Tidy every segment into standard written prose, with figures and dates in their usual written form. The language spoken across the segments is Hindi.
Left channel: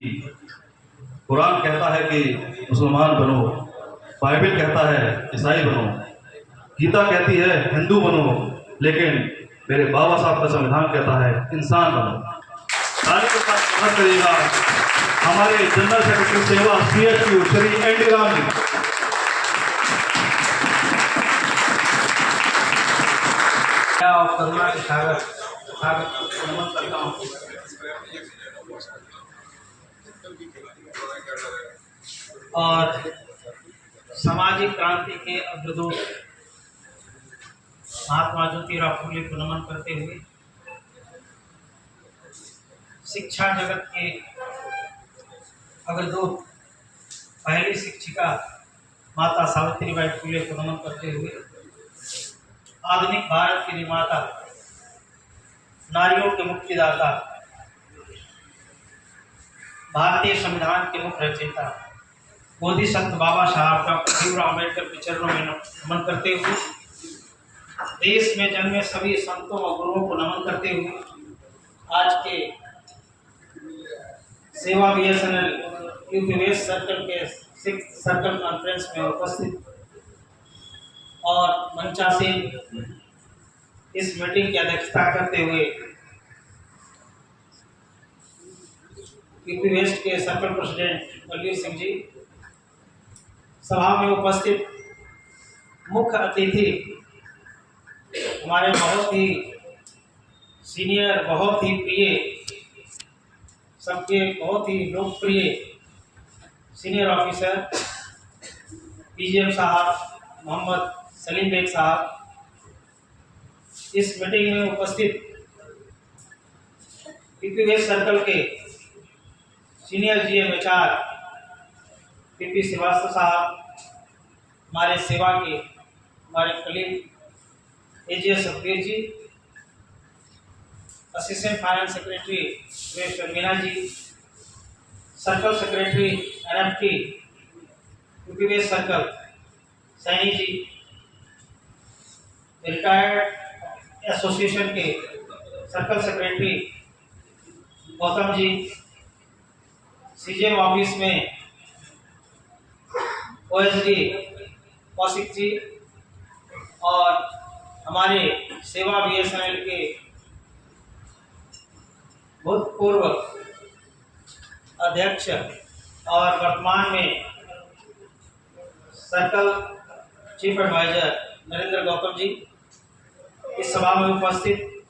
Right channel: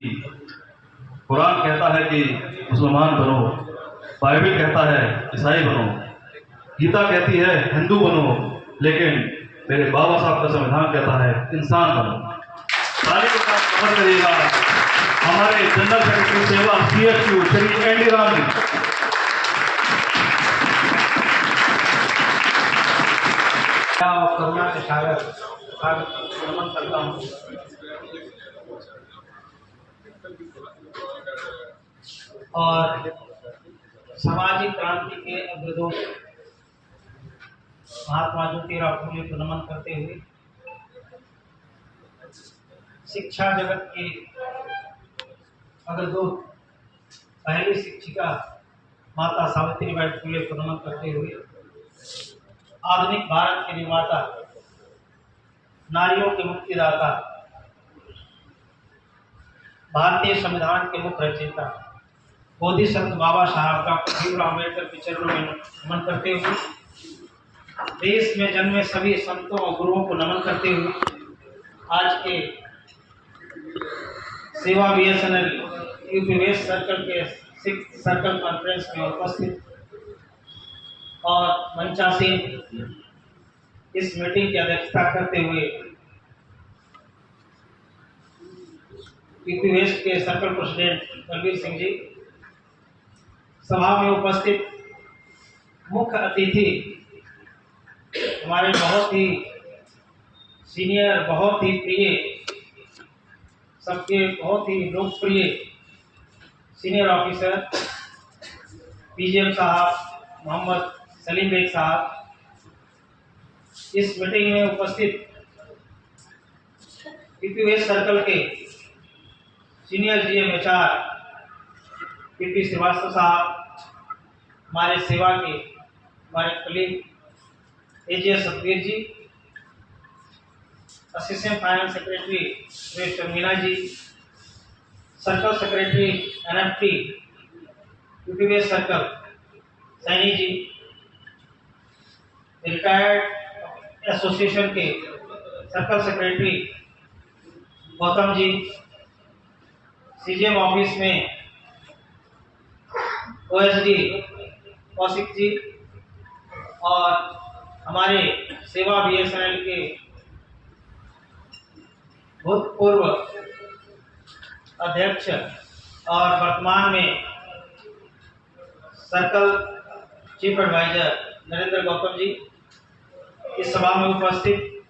कुरान कहता है कि मुसलमान बनो, बाइबल कहता है ईसाई बनो, गीता कहती है हिंदू बनो, लेकिन मेरे बाबा साहब का संविधान कहता है इंसान बनो। ताली के साथ समझ करिएगा हमारे जनरल सेक्रेटरी सेवा CSU श्री एनडी राम जी। करुणा के सागर नमन करता हूँ। और सामाजिक क्रांति के अग्रदूत महात्मा ज्योतिराव फुले को नमन करते हुए शिक्षा जगत के अग्रदूत पहली शिक्षिका माता सावित्रीबाई फुले को नमन करते हुए आधुनिक भारत के निर्माता, नारियों के मुक्तिदाता, भारतीय संविधान के मुख्य रचयिता बोधि संत बाबा साहब डॉक्टर भीमराव अम्बेडकर के चरणों में नमन करते हुए देश में जन्मे सभी संतों और गुरुओं को नमन करते हुए आज के सेवा BSNL यूपी वेस्ट सर्कल के 6th सर्कल कॉन्फ्रेंस में उपस्थित और मंचासीन इस मीटिंग की अध्यक्षता करते हुए यूपी वेस्ट के सर्कल प्रेसिडेंट बलबीर सिंह जी, सभा में उपस्थित मुख्य अतिथि हमारे बहुत ही सीनियर, बहुत ही प्रिय, सबके बहुत ही लोकप्रिय सीनियर ऑफिसर PGM साहब मोहम्मद सलीम बेग साहब, इस मीटिंग में उपस्थित यूपी वेस्ट सर्कल के senior GM HR PP Srivastava साहब, हमारे सेवा के हमारे colleague AGS Satveer ji, assistant finance secretary Suresh Meena ji, circle secretary NFT UP West circle Saini ji, retired association के circle secretary Gautam ji, CGM office में OSD कौशिक जी और हमारे सेवा BSNL के भूतपूर्व अध्यक्ष और वर्तमान में circle chief adviser Narendra Gautam ji, इस सभा में उपस्थित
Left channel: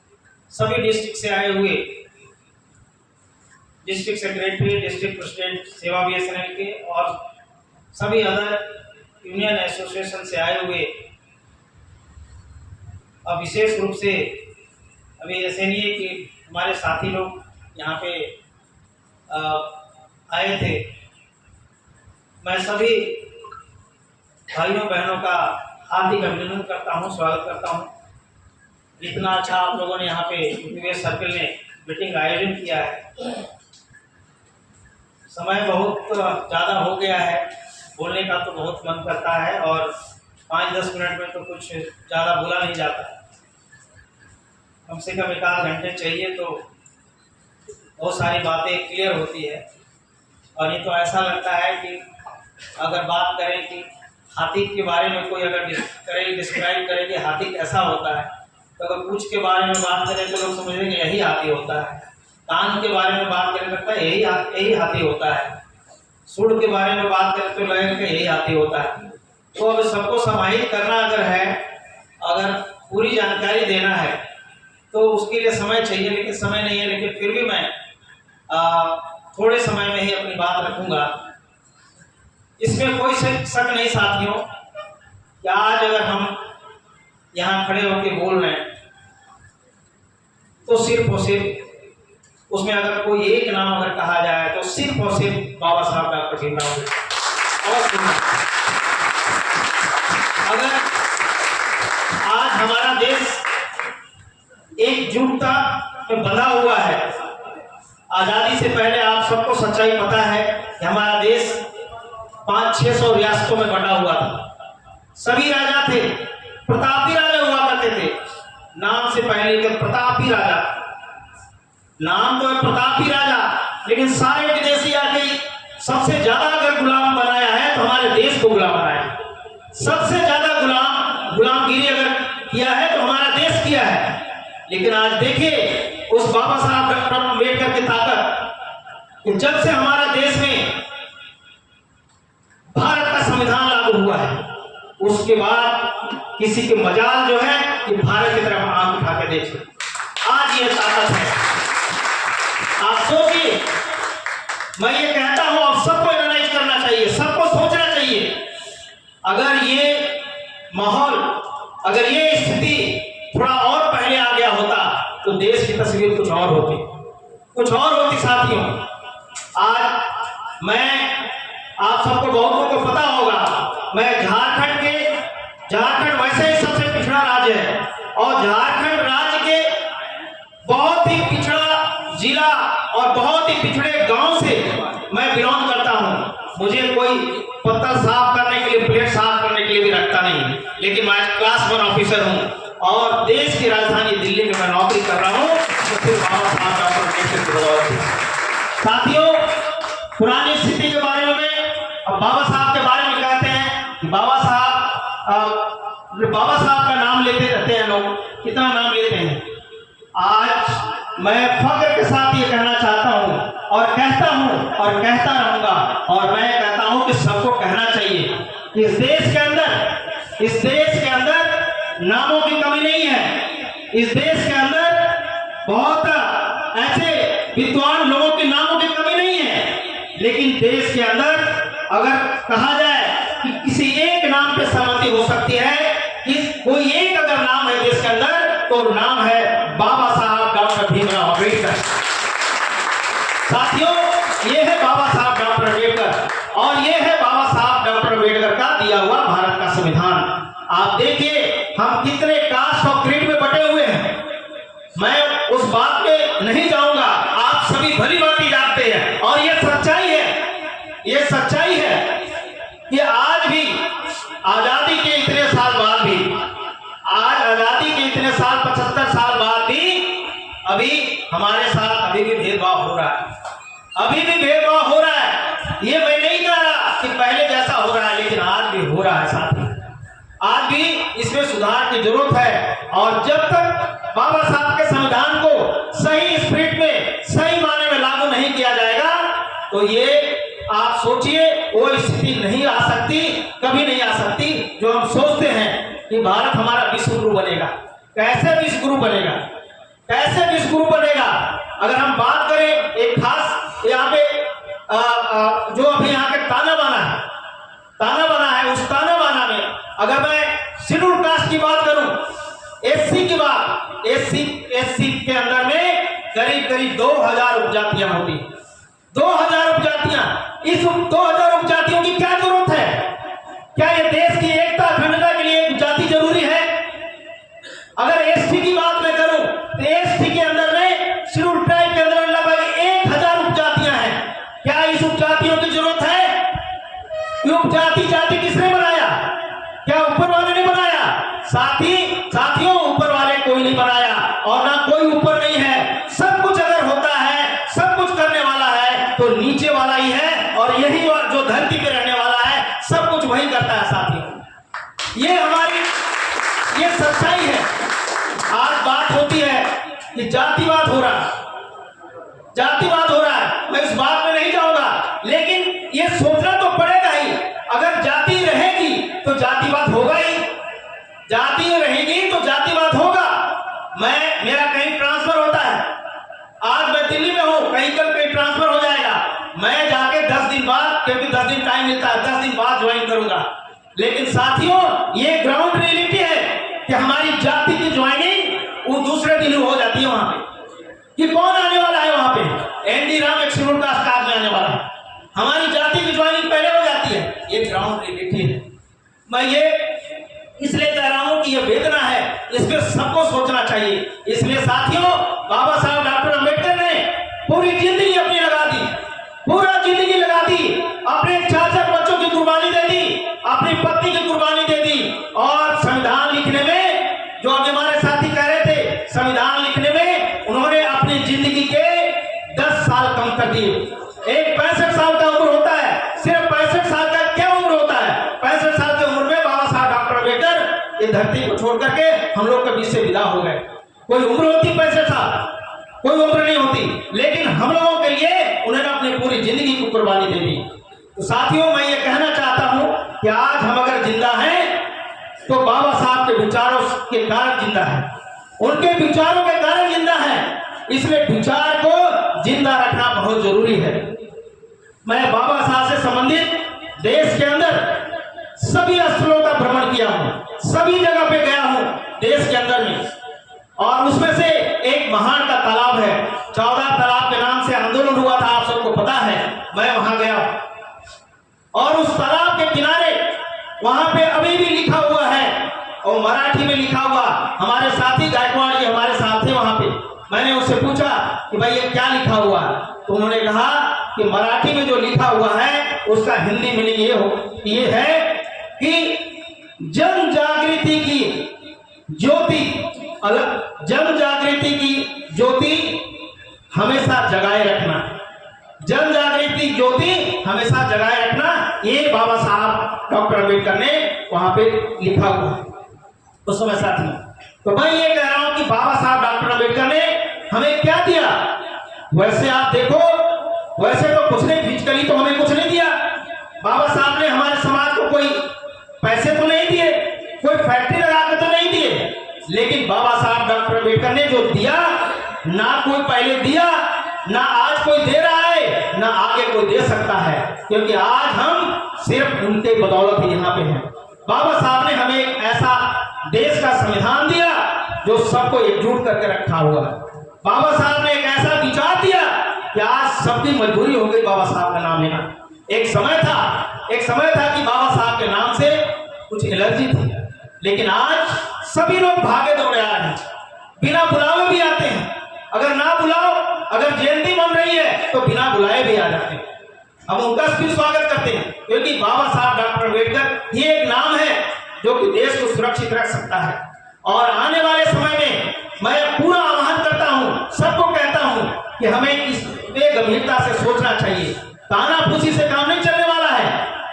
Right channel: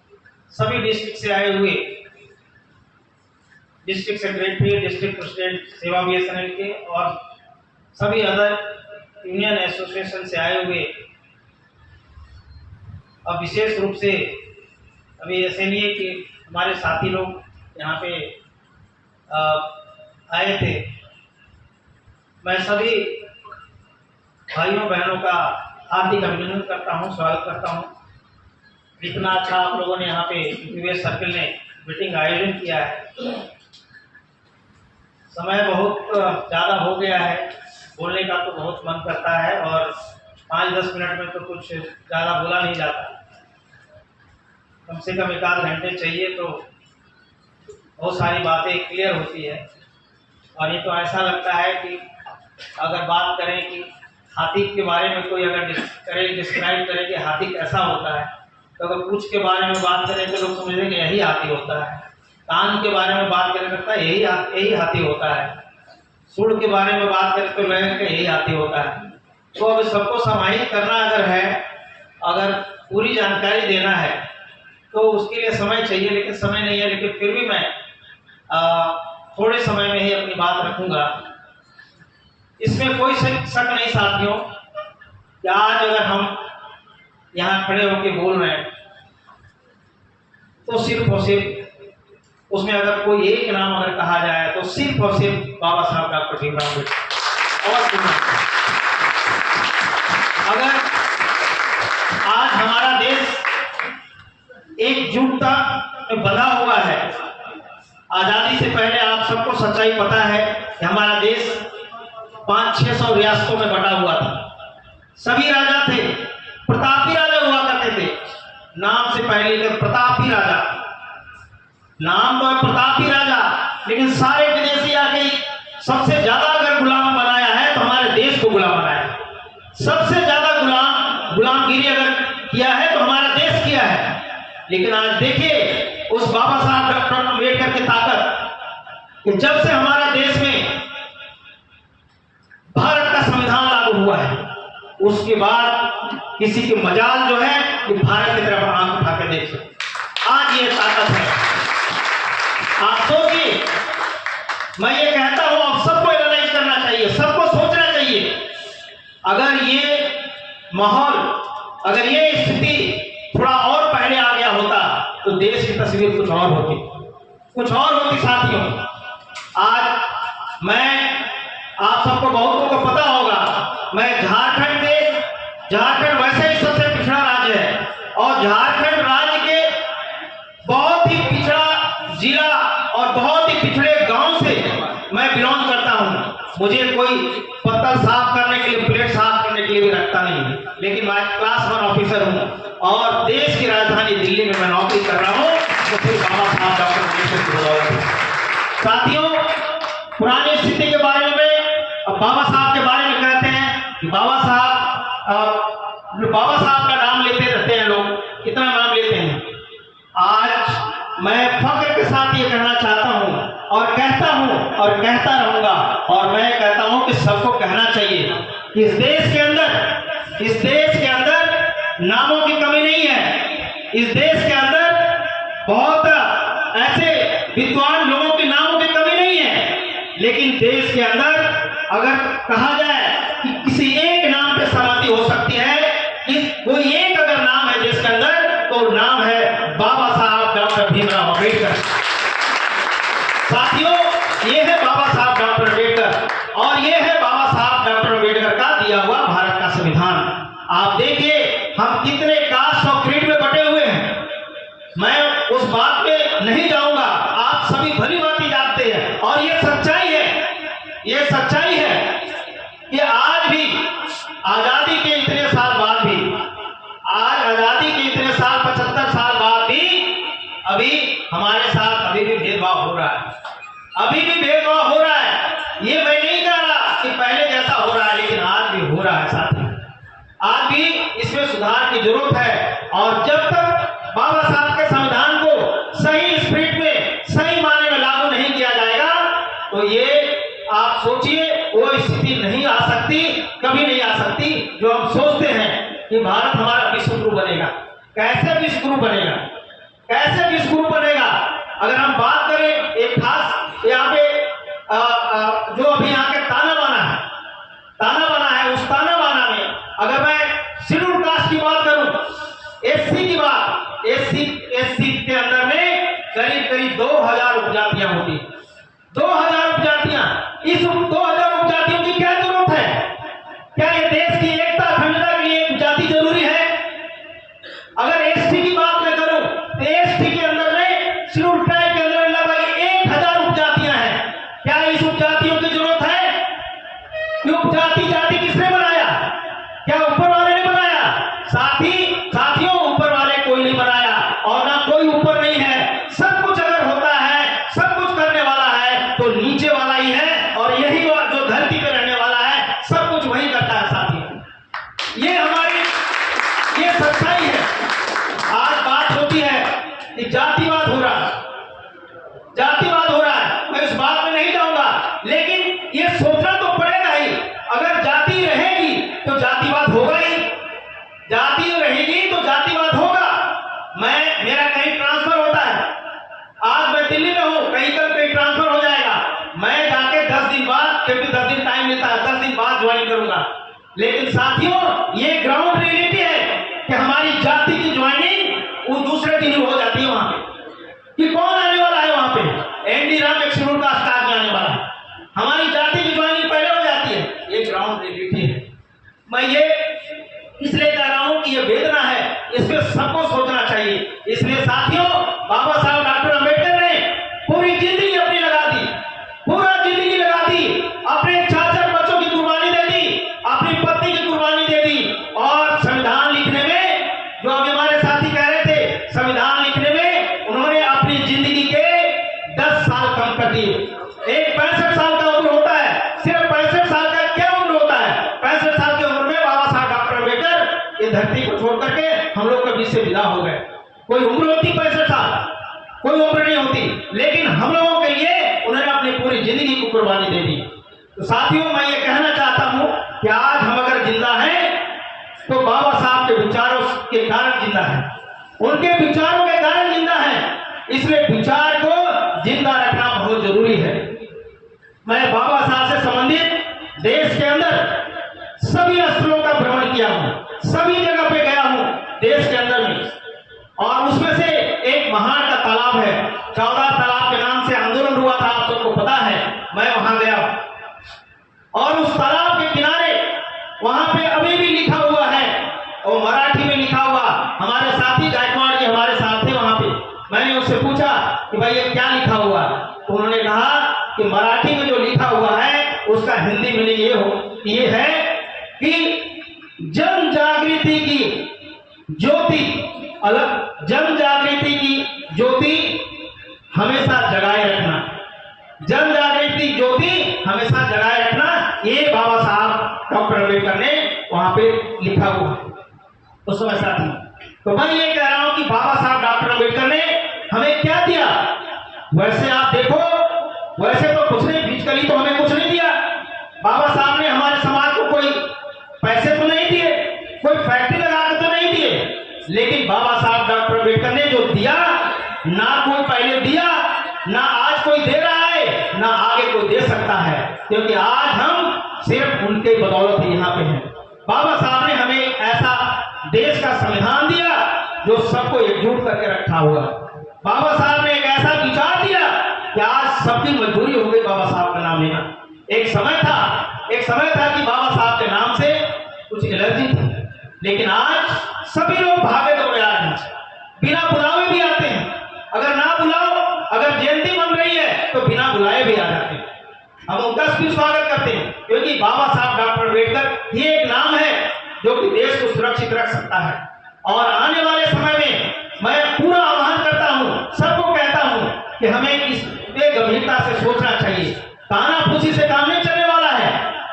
सभी डिस्ट्रिक्ट से आए हुए डिस्ट्रिक्ट सेक्रेटरी, डिस्ट्रिक्ट प्रेसिडेंट सेवा BSNL के और सभी अदर यूनियन एसोसिएशन से आए हुए, और विशेष रूप से अभी SNA के हमारे साथी लोग यहाँ पे आए थे। मैं सभी भाइयों बहनों का हार्दिक अभिनंदन करता हूँ, स्वागत करता हूँ। इतना अच्छा आप लोगों ने यहाँ पे यूपी वेस्ट सर्कल ने मीटिंग का आयोजन किया है। समय बहुत ज़्यादा हो गया है, बोलने का तो बहुत मन करता है और 5-10 मिनट में तो कुछ ज़्यादा बोला नहीं जाता, कम से कम 1-8 घंटे चाहिए तो बहुत सारी बातें क्लियर होती है। और ये तो ऐसा लगता है कि अगर बात करें कि हाथी के बारे में कोई अगर डिस्क्राइब करे कि हाथी कैसा होता है, तो अगर पूंछ के बारे में बात करें तो लोग समझेंगे यही हाथी होता है, कान के बारे में बात करें करता है यही हाथी होता है, सूंड के बारे में बात करें तो लगेगा कि यही हाथी होता है। तो अब सबको समाहित करना अगर है, अगर पूरी जानकारी देना है तो उसके लिए समय चाहिए, लेकिन समय नहीं है। लेकिन फिर भी मैं थोड़े समय में ही अपनी बात रखूंगा। इसमें कोई शक नहीं साथियों कि आज अगर हम यहाँ खड़े होकर बोल रहे हैं तो सिर्फ और सिर्फ उसमें अगर कोई एक नाम अगर कहा जाए तो सिर्फ और सिर्फ बाबा साहब डॉक्टर भीमराव अम्बेडकर। और अगर आज हमारा देश एकजुटता में बंधा हुआ है, आजादी से पहले आप सबको सच्चाई पता है कि हमारा देश 500-600 रियासतों में बटा हुआ था। सभी राजा थे, प्रतापी राजा हुआ करते थे, नाम से पहले के प्रतापी राजा, नाम तो प्रतापी राजा, लेकिन सारे विदेशी सबसे ज्यादा अगर गुलाम बनाया है तो हमारे देश को गुलाम बनाया है। सबसे ज्यादा गुलामगिरी अगर किया है तो हमारा देश किया है। लेकिन आज देखिए उस बाबा साहब डॉक्टर अम्बेडकर की ताकत कि जब से हमारा देश में भारत का संविधान लागू हुआ है उसके बाद किसी के मजाल जो है कि भारत की तरफ आंख उठा के देखे। आज ये ताकत है। आप सोचिए, मैं ये कहता हूं आप सबको एनालाइज करना चाहिए, सबको सोचना चाहिए। अगर ये माहौल, अगर ये स्थिति थोड़ा और पहले आ गया होता तो देश की तस्वीर कुछ और होती साथियों। आज मैं, आप सबको बहुतों को पता होगा, मैं झारखंड वैसे ही सबसे पिछड़ा राज्य है और झारखंड राज्य के बहुत ही पिछड़ा जिला और बहुत ही पिछड़े गांव से मैं बिलोंग करता हूं। मुझे कोई पत्तल साफ करने के लिए, प्लेट साफ करने के लिए भी रखता नहीं, लेकिन मैं क्लास 1 ऑफिसर हूं और देश की राजधानी दिल्ली में मैं नौकरी कर रहा हूं। तो फिर बाबा साहब डॉक्टर अम्बेडकर की बदौलत है। साथियों, पुरानी स्थिति के बारे में बाबा साहब के बारे में कहते हैं कि बाबा साहब का नाम लेते रहते हैं लोग, कितना नाम लेते हैं। आज मैं फख्र के साथ ये कहना चाहता हूं और कहता हूं और कहता रहूंगा और मैं कहता हूं कि सबको कहना चाहिए। इस देश के अंदर नामों की कमी नहीं है। इस देश के अंदर बहुत ऐसे विद्वान लोगों के नामों की कमी नहीं है, लेकिन देश के अंदर अगर कहा जाए कि किसी एक नाम पे सहमति हो सकती है, कोई एक अगर नाम है देश के अंदर तो नाम है बाबा साहब डॉक्टर भीमराव अम्बेडकर। साथियों, ये है बाबा साहब डॉक्टर अम्बेडकर और ये है बाबा साहब डॉक्टर अम्बेडकर का दिया हुआ भारत का संविधान। आप देखिए हम कितने कास्ट और क्रीड में बटे हुए हैं। मैं उस बात पे नहीं जाऊंगा, आप सभी भली भांति जानते हैं और ये सच्चाई है। ये सच्चाई है कि आज भी आजादी के इतने साल बाद भी, आज आजादी के इतने साल 75 साल बाद भी अभी हमारे साथ अभी भी भेदभाव हो रहा है। अभी भी भेदभाव हो रहा है। ये मैं नहीं कह रहा कि पहले जैसा हो रहा है, लेकिन आज भी हो रहा है साथी। आज भी इसमें सुधार की जरूरत है और जब तक बाबा साहब के संविधान को सही स्पिरिट में, सही मायने में लागू नहीं किया जाएगा तो ये आप सोचिए वो स्थिति नहीं आ सकती, कभी नहीं आ सकती जो हम सोचते हैं कि भारत हमारा विश्व गुरु बनेगा। कैसे विश्व गुरु बनेगा? कैसे विश्व गुरु बनेगा? अगर हम बात करें एक खास यहाँ पे जो अभी यहाँ के ताना बाना है, उस ताना बाना में अगर मैं शेड्यूल कास्ट की बात करूं, एससी की बात, एससी के अंदर में करीब 2000 उपजातियां होती। 2000 उपजातियां, इस 2000 उपजातियों की क्या जरूरत है? क्या ये देश की एकता अखंडता के लिए उपजाति जरूरी है? अगर एसटी की बात मैं करूं तो एसटी के अंदर में शेड्यूल ट्राइब के अंदर लगभग 1000 उपजातियां हैं। क्या इस उपजातियों की जरूरत है? ये उपजाति जाति किसने बनाया? क्या ऊपर वाले ने बनाया? साथियों, ऊपर वाले कोई नहीं बनाया और ना कोई ऊपर नहीं है। सब कुछ अगर होता है, सब कुछ करने वाला है तो नीचे वाला ही है और यही जो धरती पे रहने वाला है सब कुछ वही करता है साथियों। ये सच्चाई है। आज बात होती है कि जातिवाद हो रहा है, मैं इस बात में नहीं जाऊंगा, लेकिन ये सोचना तो पड़ेगा ही। अगर जाति रहेगी तो जातिवाद होगा ही, जाति रहेगी तो जातिवाद होगा। मेरा कहीं ट्रांसफर होता है, आज मैं दिल्ली में हूं, कहीं ट्रांसफर हो जाएगा, मैं जाके 10 दिन बाद, क्योंकि 10 दिन टाइम मिलता है, 10 दिन बाद ज्वाइन करूंगा। लेकिन साथियों, ये ग्राउंड रियलिटी है कि हमारी जाति की ज्वाइनिंग वो दूसरे दिन हो जाती है वहां पे कि कौन आने वाला है वहां पे। एनडी राम एक शेड्यूल कास्ट का आदमी आने वाला है, हमारी जाति की ज्वाइनिंग पहले हो जाती है। ये ग्राउंड रियलिटी है। मैं ये इसलिए कह रहा हूं कि ये वेदना है, इस पर सबको सोचना चाहिए। इसलिए साथियों, बाबा साहब डॉक्टर अम्बेडकर ने पूरी जिंदगी अपनी लगा दी, पूरा जिंदगी लगा दी, अपने 4 बच्चों की कुर्बानी दे दी, अपनी पत्नी की कुर्बानी दे दी और संविधान लिखने में, जो अभी हमारे साथी कह रहे थे, संविधान लिखने में उन्होंने अपनी जिंदगी के 10 साल कम कर दिए। एक 65 साल का उम्र होता है, ये धरती को छोड़ करके हम लोग के बीच से विदा हो गए। कोई उम्र होती 65 साल, कोई उम्र नहीं होती, लेकिन हम लोगों के लिए उन्होंने अपनी पूरी जिंदगी को कुर्बानी दे दी। तो साथियों, मैं ये कहना चाहता हूं कि आज हम अगर जिंदा हैं तो बाबा साहब के विचारों के कारण जिंदा है, उनके विचारों के कारण जिंदा है। इसलिए विचार को जिंदा रखना बहुत जरूरी है। मैं बाबा साहब से संबंधित देश के अंदर सभी स्थलों का भ्रमण किया हूं, सभी जगह पे गया हूं देश के अंदर में, और उसमें से एक महान का तालाब है, 14 तालाब के नाम से आंदोलन हुआ था, आप सबको पता है। मैं वहां गया और उस तालाब के किनारे वहां पे अभी भी लिखा हुआ है, और मराठी में लिखा हुआ। हमारे साथी गायकवाड़ जी हमारे साथ थे वहां पे। मैंने उससे पूछा कि भाई ये क्या लिखा हुआ है, तो उन्होंने कहा कि मराठी में जो लिखा हुआ है उसका हिंदी मीनिंग ये है कि जन जागृति की ज्योति अलग, जन जागृति की ज्योति हमेशा जगाए रखना, जन जागृति ज्योति हमेशा जगाए रखना, ये बाबा साहब डॉक्टर अम्बेडकर ने वहां पे लिखा हुआ उस समय साथी। तो मैं ये कह रहा हूं कि बाबा साहब डॉक्टर अम्बेडकर ने हमें क्या दिया। वैसे आप देखो, वैसे तो कुछ नहीं, फिजिकली तो हमें कुछ नहीं दिया। बाबा साहब ने हमारे समाज को कोई पैसे तो नहीं दिए, कोई फैक्ट्री लगाकर तो नहीं दिए, लेकिन बाबा साहब डॉक्टर अम्बेडकर ने जो दिया, ना कोई पहले दिया, ना आज कोई दे रहा है, ना आगे कोई दे सकता है, क्योंकि आज हम सिर्फ उनके बदौलत ही यहाँ पे हैं। बाबा साहब ने हमें एक ऐसा देश का संविधान दिया जो सबको एकजुट करके रखा हुआ। बाबा साहब ने एक ऐसा विचार दिया कि आज सबकी मजबूरी हो गई बाबा साहब का नाम लेना। एक समय था कि बाबा साहब के नाम से कुछ एलर्जी थी, लेकिन आज सभी लोग भागे दौड़े आ रहे हैं, बिना बुलावे भी आते हैं। अगर ना बुलाओ, अगर जयंती बन रही है तो बिना बुलाए भी आ जाते हैं। हम उनका भी स्वागत करते हैं, क्योंकि बाबा साहब डॉक्टर अम्बेडकर ये एक नाम है जो कि देश को सुरक्षित रख सकता है। और आने वाले समय में मैं पूरा आह्वान करता हूं, सबको कहता हूं कि हमें इस गंभीरता से सोचना चाहिए। तानाफूसी से काम नहीं चलने वाला है।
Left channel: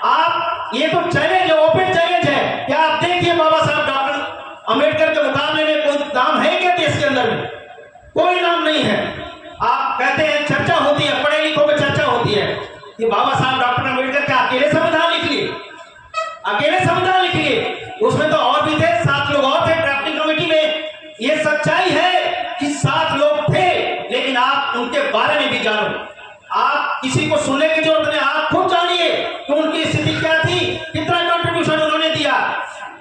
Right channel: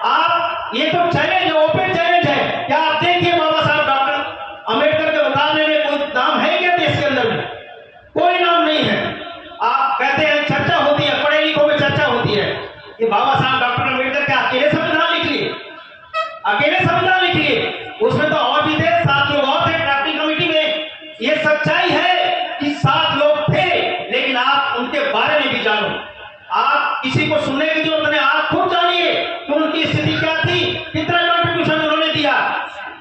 आप ये तो चैलेंज है, ओपन चैलेंज है। क्या आप देखिए बाबा साहब डॉक्टर अम्बेडकर के मुकाबले में कोई नाम है क्या देश के अंदर में? कोई नाम नहीं है। आप कहते हैं चर्चा होती है, पढ़े लिखों में चर्चा होती है कि बाबा साहब डॉक्टर अम्बेडकर के अकेले संविधान लिख लिए, अकेले संविधान लिख लिए। उसमें तो और भी थे, 7 लोग और थे ड्राफ्टिंग कमेटी में। ये सच्चाई है कि 7 लोग थे, लेकिन आप उनके बारे में भी जानो। आप किसी को सुनने की जरूरत नहीं, आप खुद जानिए कि उनकी स्थिति क्या थी, कितना कंट्रीब्यूशन उन्होंने दिया।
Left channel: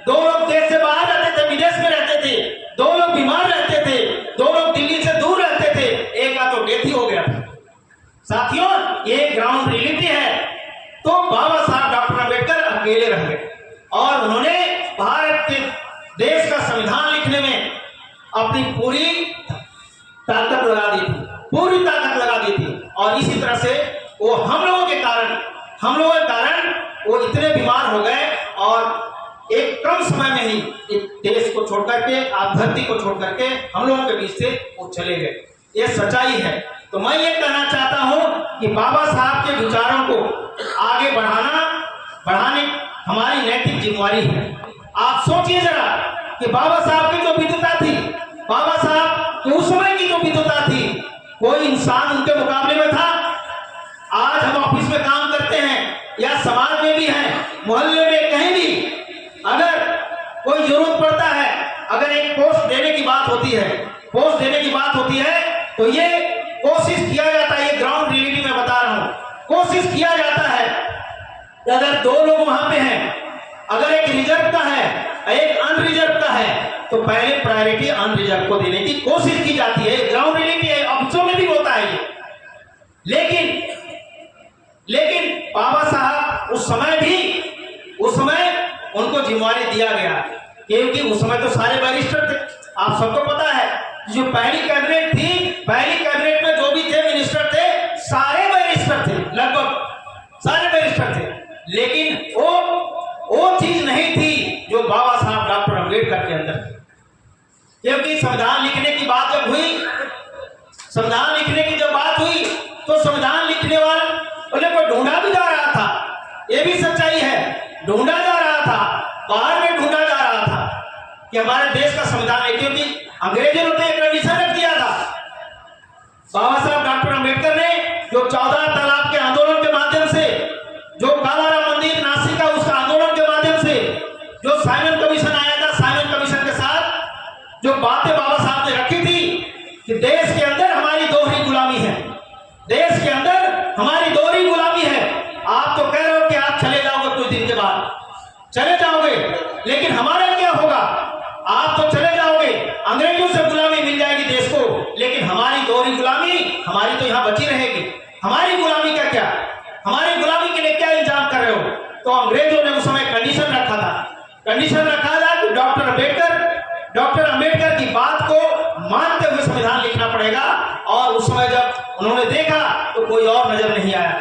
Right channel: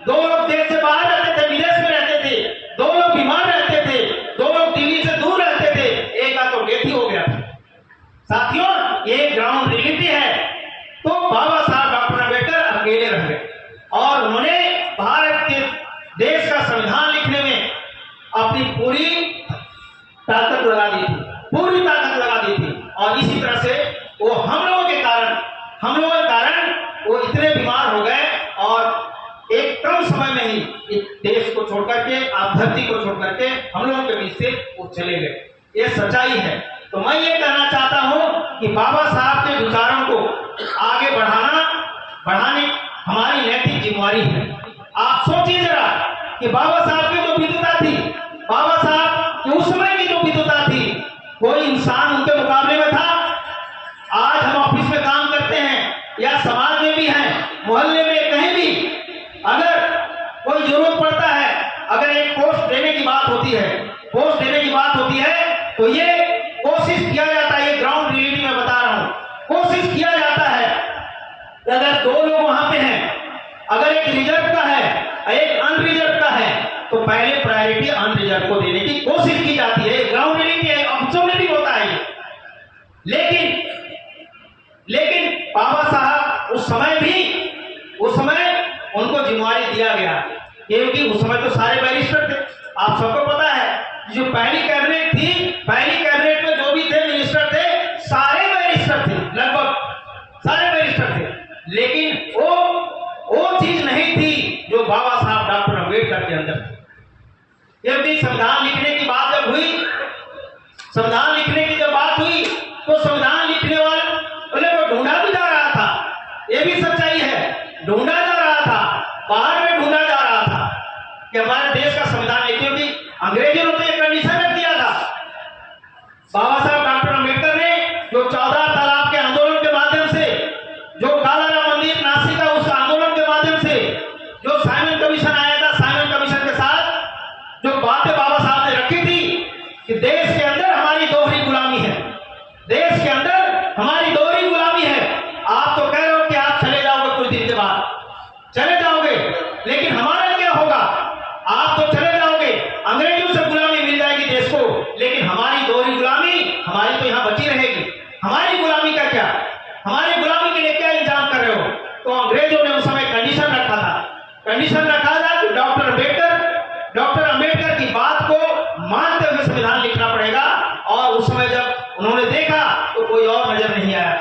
2 लोग देश से बाहर रहते थे, विदेश में रहते थे, 2 लोग बीमार रहते थे, 2 लोग दिल्ली से दूर रहते थे, एक का तो डेथ ही हो गया था। साथियों, ये ग्राउंड रियलिटी है। तो बाबा साहब डॉक्टर अम्बेडकर अकेले रह गए और उन्होंने भारत के देश का संविधान लिखने में अपनी पूरी ताकत लगा दी थी, पूरी ताकत लगा दी थी। और इसी तरह से वो हम लोगों के कारण वो इतने बीमार हो गए और एक कम समय में ही इस देश को छोड़ करके, आप धरती को छोड़ करके हम लोगों के बीच से वो चले गए। ये सच्चाई है। तो मैं ये कहना चाहता हूं कि बाबा साहब के विचारों को आगे बढ़ाने हमारी नैतिक जिम्मेवारी है। आप सोचिए जरा कि बाबा साहब की जो विद्वता थी, बाबा साहब की उस समय की जो विद्वता थी, कोई इंसान उनके मुकाबले में था? आज हम ऑफिस में काम करते हैं या समाज में भी हैं, मोहल्ले में कहीं भी, अगर कोई जरूरत पड़ता है, अगर एक पोस्ट देने की बात होती है, तो ये कोशिश किया जाता है, ये ग्राउंड रियलिटी में बता रहा हूं, कोशिश किया जाता है कि अगर 2 लोग वहां पे हैं, अगर एक रिजर्व का है, एक अनरिजर्व का है, तो पहले प्रायोरिटी अनरिजर्व को देने की कोशिश की जाती है। ग्राउंड रियलिटी है, ऑफिसों में भी होता है ये। लेकिन बाबा साहब उस समय उनको जिम्मेवारी दिया गया, क्योंकि उस समय तो सारे बैरिस्टर थे। आप सबको पता है, जो पहली कैबिनेट थी, पहली कैबिनेट में जो भी थे मिनिस्टर थे, सारे बैरिस्टर थे, लगभग सारे बैरिस्टर थे। लेकिन वो चीज नहीं थी जो बाबा साहब डॉक्टर अम्बेडकर के अंदर थी। क्योंकि संविधान लिखने की बात जब हुई, तो संविधान लिखने वाले को ढूंढा भी जा रहा था। ये भी सच्चाई है, ढूंढा जा रहा था, बाहर में ढूंढा जा रहा था। कि हमारे देश का संविधान है, क्योंकि अंग्रेजों ने तो एक कंडीशन रख दिया था। बाबा साहब डॉक्टर अम्बेडकर ने जो 14 तालाब के आंदोलन के माध्यम से, जो कालाराम मंदिर नासिक का उस आंदोलन के माध्यम से, जो साइमन कमीशन आया था, साइमन कमीशन के साथ जो बातें बाबा साहब ने रखी थी कि देश के अंदर हमारी दोहरी गुलामी है, देश के अंदर हमारी दोहरी गुलामी है। आप तो कह रहे हो कि आप चले जाओगे, कुछ दिन के बाद चले जाओगे, लेकिन हमारा क्या होगा? आप तो चले जाओगे, अंग्रेजों से गुलामी मिल जाएगी देश को, लेकिन हमारी दोहरी गुलामी हमारी तो यहां बची रहेगी। हमारी गुलामी का क्या? हमारी गुलामी के लिए क्या इंतजाम कर रहे हो? तो अंग्रेजों ने उस समय कंडीशन रखा था, कंडीशन रखा था कि डॉक्टर अम्बेडकर की बात को मानते हुए संविधान लिखना पड़ेगा। और उस समय जब उन्होंने देखा तो कोई और नजर नहीं आया,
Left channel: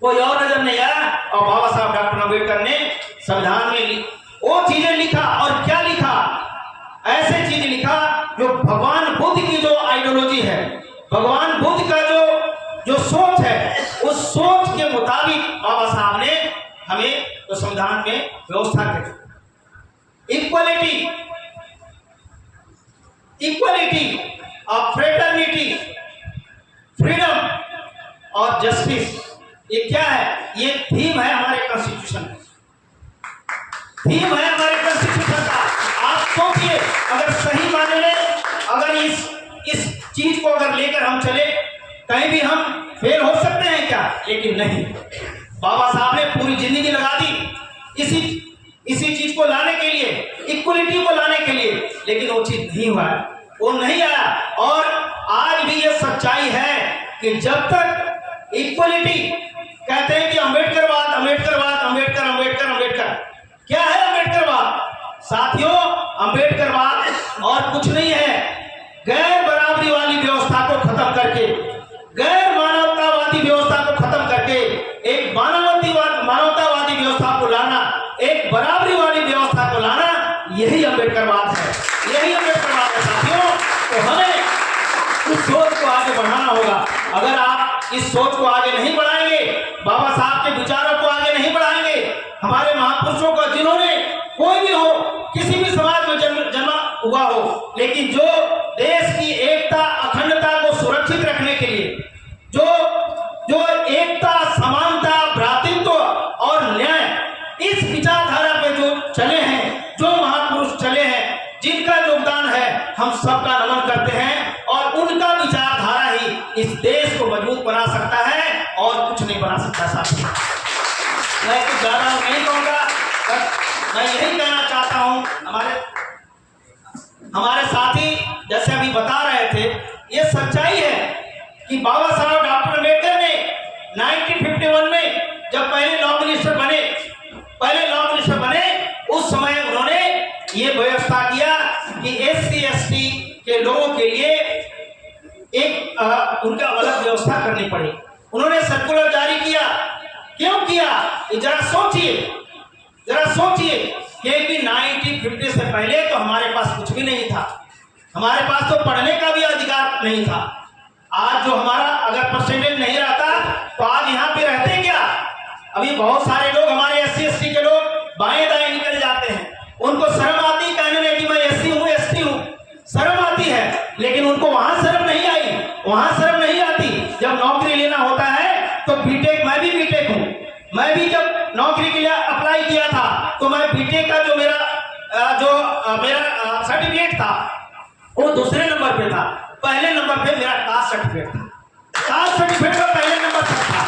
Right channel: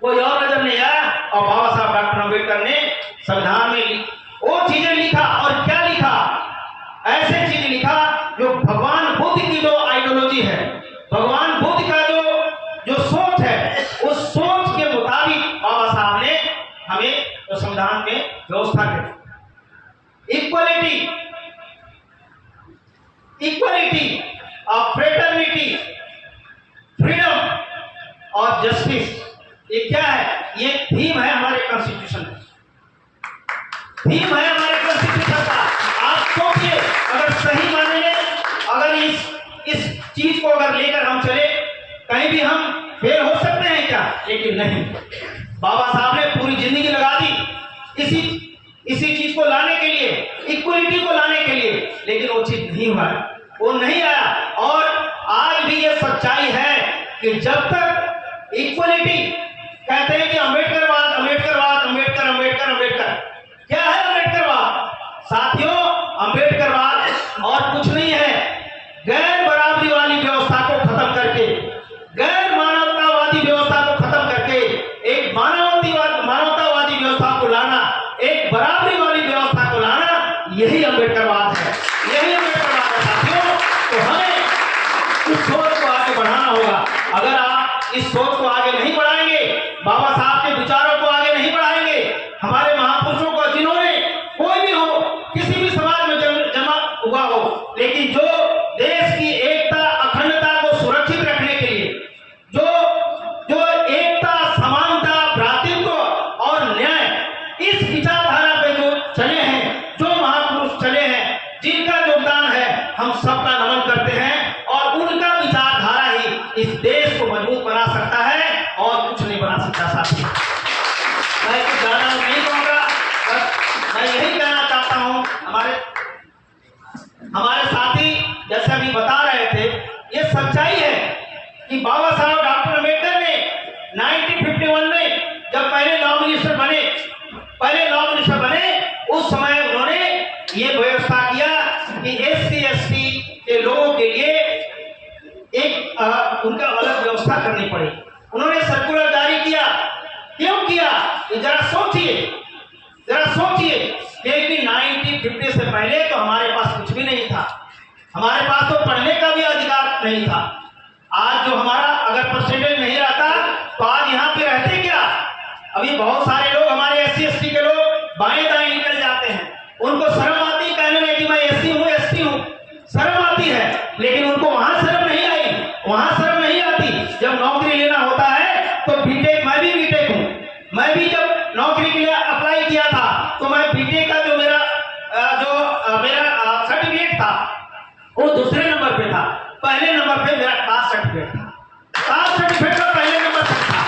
कोई और नजर नहीं आया, और बाबा साहब डॉक्टर अम्बेडकर ने संविधान में वो चीजें लिखा। और क्या लिखा? ऐसे चीजें लिखा जो भगवान बुद्ध की जो आइडियोलॉजी है, भगवान बुद्ध का जो सोच है, उस सोच के मुताबिक बाबा साहब ने हमें तो संविधान में व्यवस्था करी। इक्वलिटी ऑफ फ्रेटर्निटी, फ्रीडम और जस्टिस, ये क्या है? ये थीम है हमारे कॉन्स्टिट्यूशन का, थीम है हमारे कॉन्स्टिट्यूशन का। आप सोचिए, अगर सही माने में अगर इस चीज को अगर लेकर हम चले, कहीं भी हम फेल हो सकते हैं क्या? लेकिन नहीं, बाबा साहब ने पूरी जिंदगी लगा दी इसी चीज को लाने के लिए, इक्वलिटी को लाने के लिए, लेकिन वो चीज नहीं हुआ, वो नहीं आया। और आज भी ये सच्चाई है कि जब तक इक्वलिटी, कहते हैं कि अम्बेडकरवाद, अम्बेडकरवाद, अम्बेडकर अम्बेडकर अम्बेडकर, क्या है अम्बेडकरवाद? साथियों, अम्बेडकरवाद और कुछ नहीं है, गैर बराबरी वाली व्यवस्था को खत्म करके, गैर मानवतावादी व्यवस्था को खत्म करके एक मानवतावादी व्यवस्था को लाना, एक बराबरी वाली व्यवस्था को लाना, यही अम्बेडकरवाद है, यही अम्बेडकरवाद है साथियों। तो हमें इस सोच को आगे बढ़ाना होगा। अगर आप इस सोच को आगे नहीं बढ़ाएंगे, बाबा साहब के विचारों को आगे नहीं बढ़ाएंगे, हमारे महापुरुषों को, जिन्होंने कोई भी हो, किसी भी समाज में जन्मा हुआ हो, लेकिन जो देश की एकता, अखंडता को सुरक्षित रखने के लिए, जो एकता, समानता, भ्रातृत्व और न्याय, इस विचारधारा पे जो चले हैं, जो महापुरुष चले हैं, जिनका योगदान है, हम सबका नमन करते हैं। और उनका विचारधारा ही इस देश को मजबूत बना सकता है और कुछ नहीं बना सकता साथी। मैं कुछ ज्यादा नहीं कहूंगा, मैं यही कहना चाहता हूं, हमारे साथी जैसे अभी बता रहे थे, ये सच्चाई है कि बाबा साहब डॉक्टर अम्बेडकर ने 1951 में जब पहले लॉ मिनिस्टर बने, उस समय उन्होंने ये व्यवस्था किया कि SC ST के लोगों के लिए एक उनका अलग व्यवस्था करनी पड़ी। उन्होंने सर्कुलर जारी किया। क्यों किया? जरा सोचिए कि 1950 से पहले तो हमारे पास कुछ भी नहीं था, हमारे पास तो पढ़ने का भी अधिकार नहीं था। आज जो हमारा अगर परसेंटेज नहीं रहता तो आज यहाँ पे रहते क्या? अभी बहुत सारे लोग, हमारे SC ST के लोग बाएं दाएं निकल जाते हैं, उनको शर्म आती कहने में कि मैं SC हूँ, ST हूँ, शर्म आती है, लेकिन उनको वहां शर्म नहीं आई, वहां शर्म नहीं आती। जब नौकरी लेना होता है तो बीटेक, मैं भी बीटेक हूँ, मैं भी जब नौकरी के लिए अप्लाई किया था तो मैं बीटेक का जो मेरा सर्टिफिकेट था वो दूसरे नंबर पे था, पहले नंबर पे मेरा कास्ट सर्टिफिकेट था, कास्ट सर्टिफिकेट का पहले नंबर पर था।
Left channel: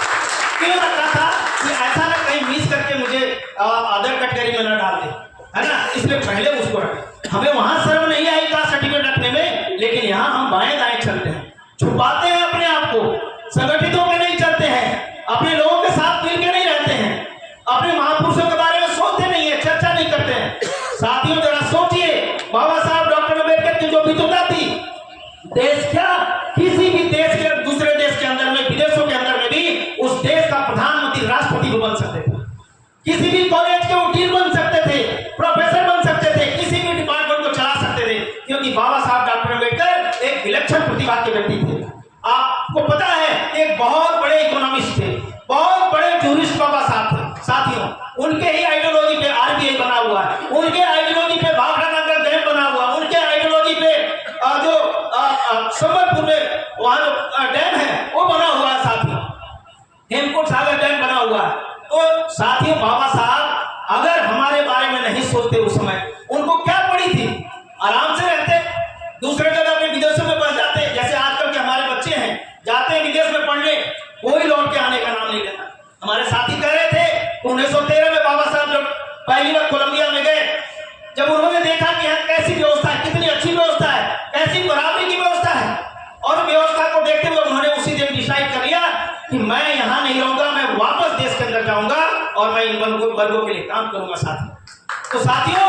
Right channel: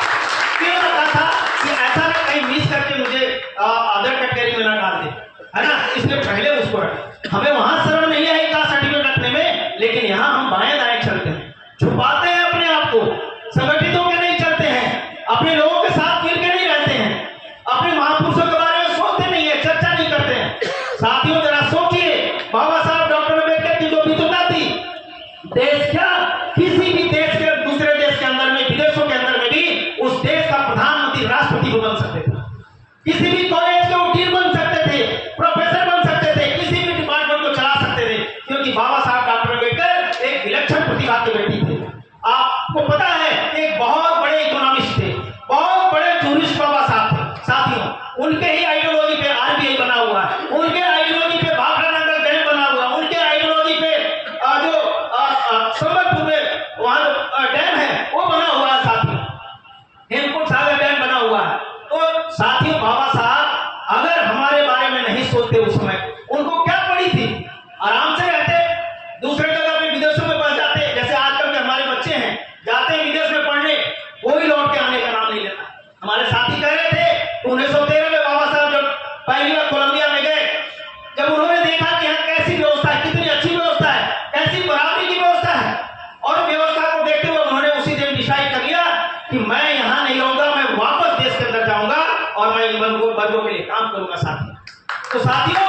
क्यों लगा था कि ऐसा ना कहीं मिस करके मुझे अदर कैटेगरी में ना डाल दे, है ना, इसलिए पहले उसको रखे। हमें वहां शर्म नहीं आई कास्ट सर्टिफिकेट रखने में, लेकिन यहाँ हम बाएं दाएं चलते हैं, छुपाते हैं अपने आप को, संगठित होकर नहीं चलते हैं, अपने लोगों के साथ मिलकर नहीं रहते हैं, अपने महापुरुषों के बारे में सोचते नहीं है, चर्चा नहीं करते हैं। साथियों, जरा सोचिए, बाबा साहब डॉक्टर अम्बेडकर की जो विद्वता थी, देश क्या, किसी भी देश के, दूसरे देश के अंदर में, विदेशों के अंदर में भी उस देश का प्रधानमंत्री, राष्ट्रपति वो बन सकते थे, किसी भी कॉलेज के वो डीन बन सकते थे, प्रोफेसर बन सकते थे, किसी भी डिपार्टमेंट को चला सकते थे, क्योंकि बाबा साहब डॉक्टर अम्बेडकर एक विलक्षण प्रतिभा के व्यक्ति थे। आपको पता है, एक बहुत हेमकुंड सागर डैम बना हुआ है। तो साथियों, बाबा साहब अगर हमारे बारे में नहीं सोचते उस समय, उनको क्या पड़ी थी, आराम से रहते, दूसरे जगह पे विदेशों में पढ़ जाते। जैसे आजकल के हमारे बच्चे हैं, जाते हैं विदेश में पढ़ने, कोई लौट के आने का नाम नहीं लेता। हमारे साथी कह रहे थे 1913 में बाबा साहब जब पहली बार कोलंबिया में गए, जब उन्होंने देखा कि यहाँ कैसी व्यवस्था है, कितनी अच्छी व्यवस्था है, कैसी बराबरी की व्यवस्था है, और व्यवस्था को देखते हुए उन्होंने उसी दिन डिसाइड कर लिया कि मैं यहाँ नहीं रहूंगा, मैं वापस देश के अंदर जाऊंगा और मैं इन वर्गों के लिए काम करूंगा। साथियों, तो साथियों,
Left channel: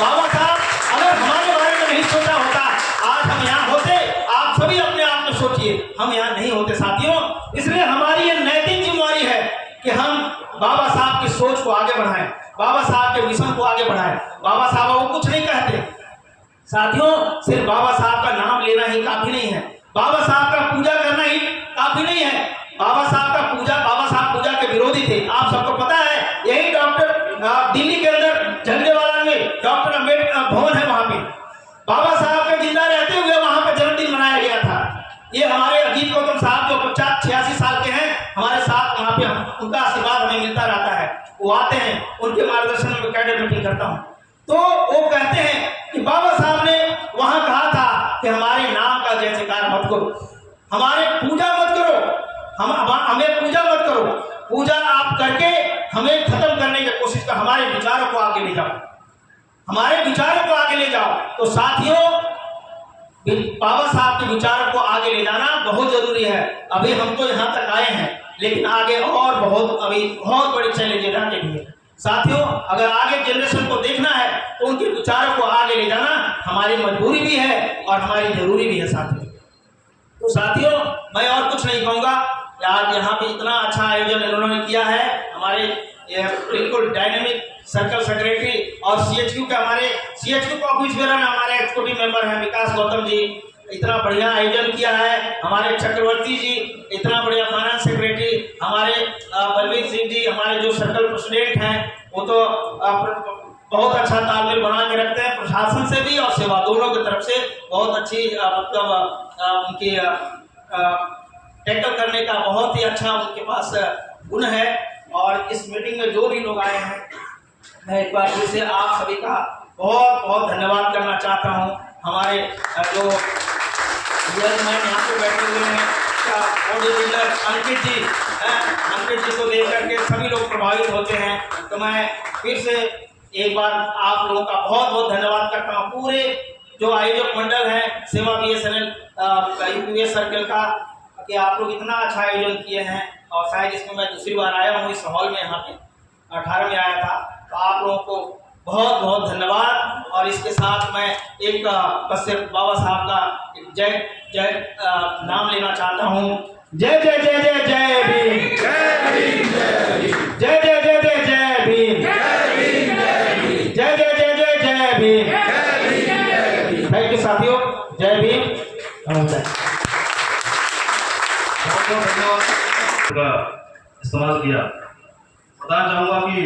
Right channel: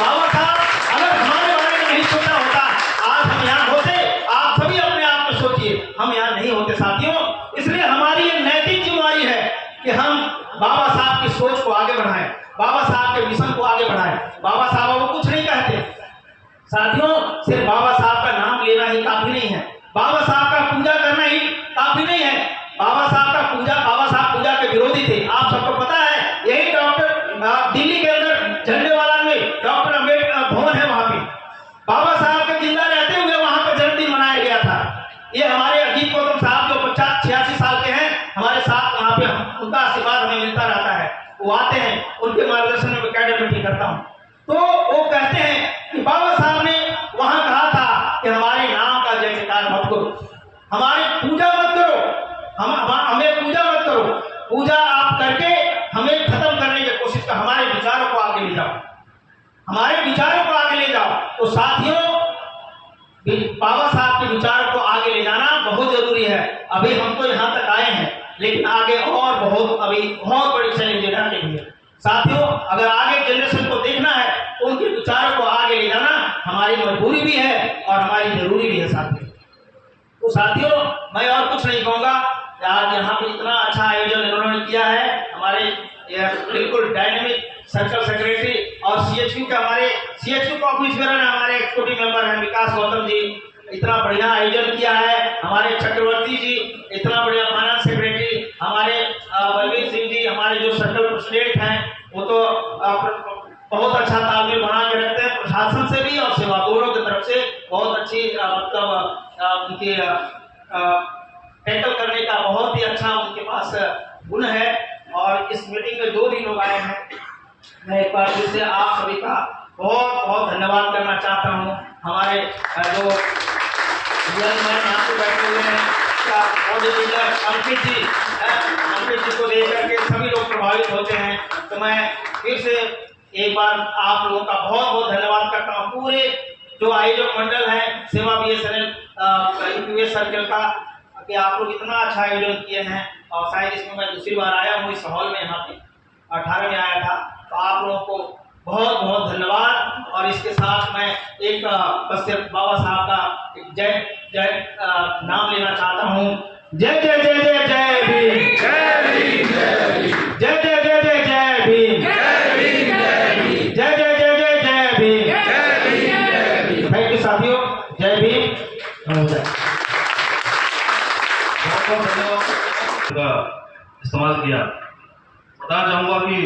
बाबा साहब अगर हमारे बारे में नहीं सोचा होता, आज हम यहाँ होते। आप सभी अपने आप में सोचिए, हम यहाँ नहीं होते साथियों। इसलिए हमारी ये नैतिक जिम्मेदारी है कि हम बाबा साहब की सोच को आगे बढ़ाएं, बाबा साहब के मिशन को आगे बढ़ाएं। बाबा साहब वो कुछ नहीं कहते साथियों, सिर्फ बाबा साहब का नाम लेना ही काफी नहीं है, बाबा साहब का पूजा करना ही काफी नहीं है। बाबा साहब पूजा के विरोधी थे, आप सबको पता है। यही डॉक्टर दिल्ली के अंदर झंडेवाला में डॉक्टर अम्बेडकर भवन है, वहां पे बाबा साहब के जिंदा रहते हुए वहां पे जन्मदिन मनाया गया था। ये हमारे अजीत गौतम साहब जो 85 साल के हैं, हमारे साथ वहां पे उनका आशीर्वाद हमें मिलता रहता है। वो आते हैं, उनके मार्गदर्शन में कैडेट मीटिंग करता हूँ। तो वो कहते हैं कि बाबा साहब ने वहां कहा था कि हमारे नाम का जय जयकार मत करो, हमारे पूजा मत करो, हमें पूजा मत करो, पूजा आप करके हमें खत्म करने की कोशिश कर, हमारे विचारों को आगे ले जाओ, हमारे विचारों को आगे ले जाओ। तो साथियों, बाबा साहब के विचारों को आगे ले जाना बहुत जरूरी है। अभी हम तो यहाँ तक आए हैं, लेकिन आगे और बहुत बड़ी चैलेंज आगे भी है साथियों। अगर आगे जनरेशन को देखना है तो उनके विचारों को आगे ले जाना हमारी मजबूरी भी है और हमारी जरूरी भी है साथियों। तो साथियों, मैं और कुछ नहीं कहूँगा। आज यहाँ पे इतना अच्छा आयोजन इन्होंने किया है, हमारे बिल्कुल डायनेमिक सर्कल सेक्रेटरी और सीएचक्यू के हमारे सीएचक्यू का ऑफिस बेरर हमारे एक्सिक्यूटिव मेंबर हैं विकास गौतम जी, इतना बढ़िया आयोजन किया है। हमारे चक्रवर्ती जी इतना बढ़िया फाइनेंस सेक्रेटरी, हमारे बलवीर सिंह जी हमारे जो सर्कल प्रेसिडेंट हैं, वो तो बहुत अच्छा तालमेल बना के रखते हैं, प्रशासन से भी और सेवा दोनों की तरफ से बहुत अच्छी मतलब उनकी टैकल करने का बहुत ही अच्छा उनके पास गुण है। और इस मीटिंग में जो भी लोग आए हैं, मैं एक बार फिर से आप सभी का बहुत बहुत धन्यवाद करना चाहता हूँ। हमारे जो यहाँ पे बैठे हुए हैं, बॉडी बिल्डर अंकित जी को देख करके सभी लोग प्रभावित होते हैं। तो मैं फिर से एक बार आप लोगों का बहुत बहुत धन्यवाद करता हूँ। पूरे जो आयोजक मंडल है सेवा BSNL यूपीएस सर्कल का, कि आप लोग इतना अच्छा आयोजन किए हैं। और शायद इसमें मैं दूसरी बार आया हूँ इस हॉल में, यहाँ पे 18 में आया था। तो आप लोगों को बहुत बहुत धन्यवाद। और इसके साथ मैं एक बस सिर्फ बाबा साहब का एक जय नाम लेना चाहता हूँ। जय जय जय जय जय भीम, जय भीम, जय जय जय जय जय भीम, जय जय जय जय जय भीम। थैंक यू साथियों, जय भीम। का इस्तेमाल किया। बताना चाहूँगा कि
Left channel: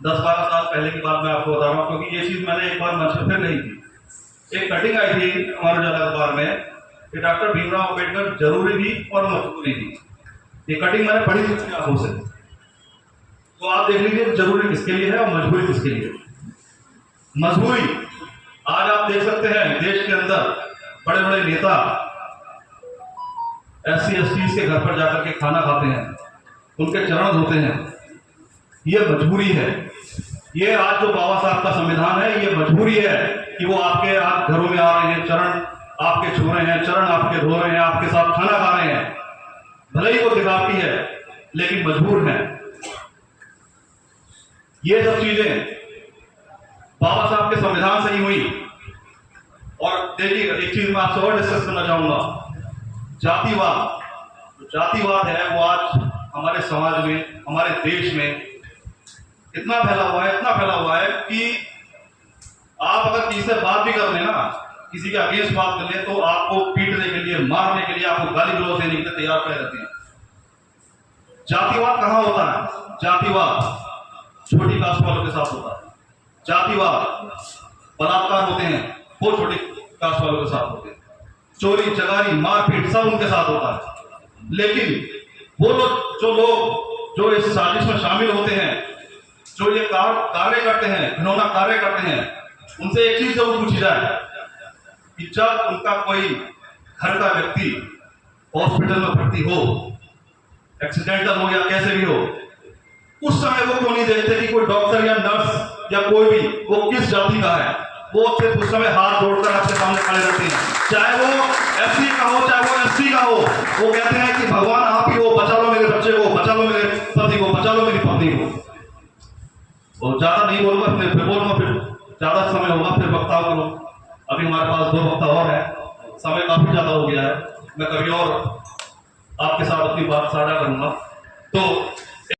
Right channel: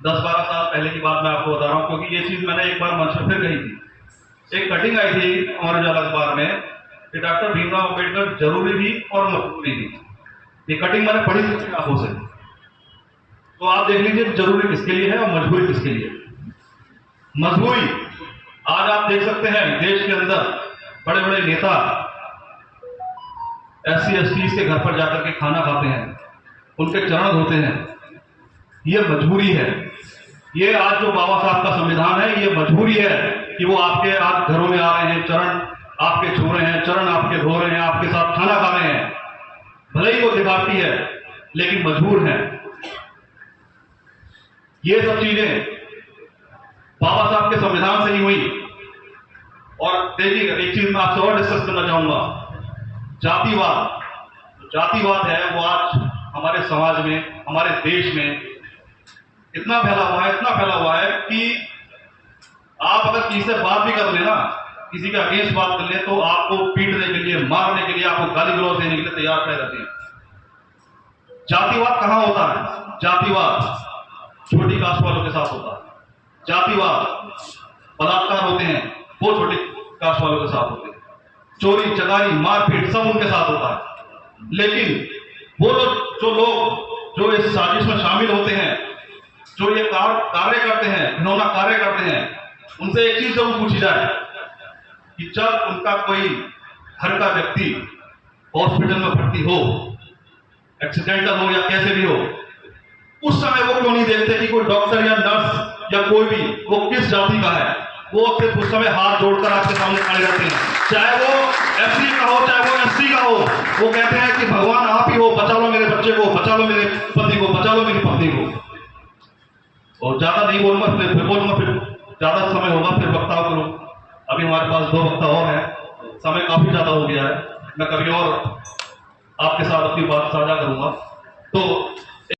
10-12 साल पहले की बात मैं आपको बता रहा हूँ, क्योंकि ये चीज़ मैंने एक बार मंच पर फिर कही थी। एक कटिंग आई थी हमारे उजाला अखबार में कि डॉक्टर भीमराव अम्बेडकर जरूरी भी और मजबूरी भी। ये कटिंग मैंने पढ़ी थी अपनी आंखों से। तो आप देख लीजिए जरूरी किसके लिए है और मजबूरी किसके लिए। मजबूरी, आज आप देख सकते हैं देश के अंदर बड़े बड़े नेता SC/ST के घर पर जाकर के खाना खाते हैं, उनके चरण धोते हैं। ये मजबूरी है। ये आज जो बाबा साहब का संविधान है, ये मजबूरी है कि वो आपके आज घरों में आ रहे हैं, चरण आपके छू रहे हैं, चरण आपके धो रहे हैं, आपके साथ खाना खा रहे हैं। भले ही वो दिखावटी है लेकिन मजबूर है। ये सब चीजें बाबा साहब के संविधान से ही हुई। और देखिए एक चीज मैं आपसे और डिस्कस करना चाहूंगा, जातिवाद। जो जातिवाद है वो आज हमारे समाज में, हमारे देश में इतना फैला हुआ है कि आप अगर किसी से बात भी कर लेना, किसी के अगेंस्ट बात कर ले, तो आपको पीटने के लिए, मारने के लिए, आपको गाली गलौज देने के लिए तैयार खड़े रहते हैं। जातिवाद कहाँ होता है? जातिवाद छोटी कास्ट वालों के साथ होता है। जातिवाद बलात्कार होते हैं वो छोटी कास्ट वालों के साथ होते हैं। चोरी चकारी मारपीट सब उनके साथ होता है। लेकिन वो लोग जो लोग जो इस साजिश में शामिल होते हैं, जो ये कार्य करते हैं, घिनौना कार्य करते हैं, उनसे एक चीज जरूर पूछी जाए कि जब उनका कोई घर का व्यक्ति हॉस्पिटल में भर्ती हो, एक्सीडेंटल हो या कैसे भी हो, उस समय वो क्यों नहीं देखते कि कोई डॉक्टर या नर्स या कोई भी वो किस जाति का है। वो सिर्फ उस समय हाथ जोड़कर आपके सामने खड़े रहते हैं, चाहे वो एससी का हो चाहे वो एससी का हो। वो कहते हैं कि भगवान आप ही हो, बचा लो मेरे बच्चे को, बचा लो मेरे पति को, बचा लो मेरी पत्नी को। और ज्यादा नहीं बोलूंगा, फिर बोलूंगा, फिर ज्यादा समय होगा, फिर वक्ताओं को। अभी हमारे पास 2 वक्ता और हैं, समय काफी ज्यादा हो गया है, मैं कभी और आपके साथ अपनी बात साझा करूंगा। तो